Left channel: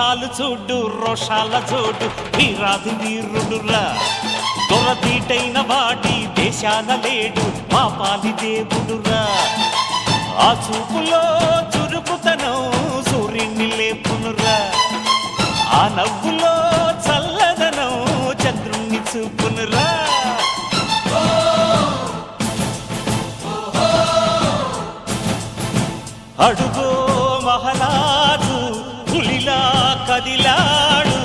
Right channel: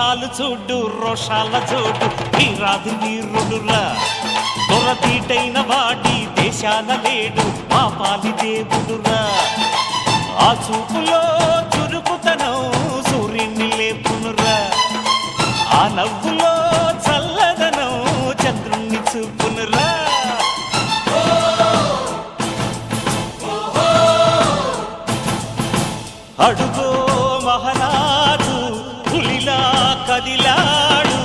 మీసాలు చూడు రోషాల జోడు వీరాది వీరుడురా దొరదీటైన వాడి దేశాన లేడు మా పాలి దేవుడురా ఆ చూపులో చురుకుతనం సూర్యుని లేపునురా ఆ నవ్వులో చల్లదనం చంద్రుణ్ణి చూపునురా అడుగో మహారాజు పులిలా కదిలాడు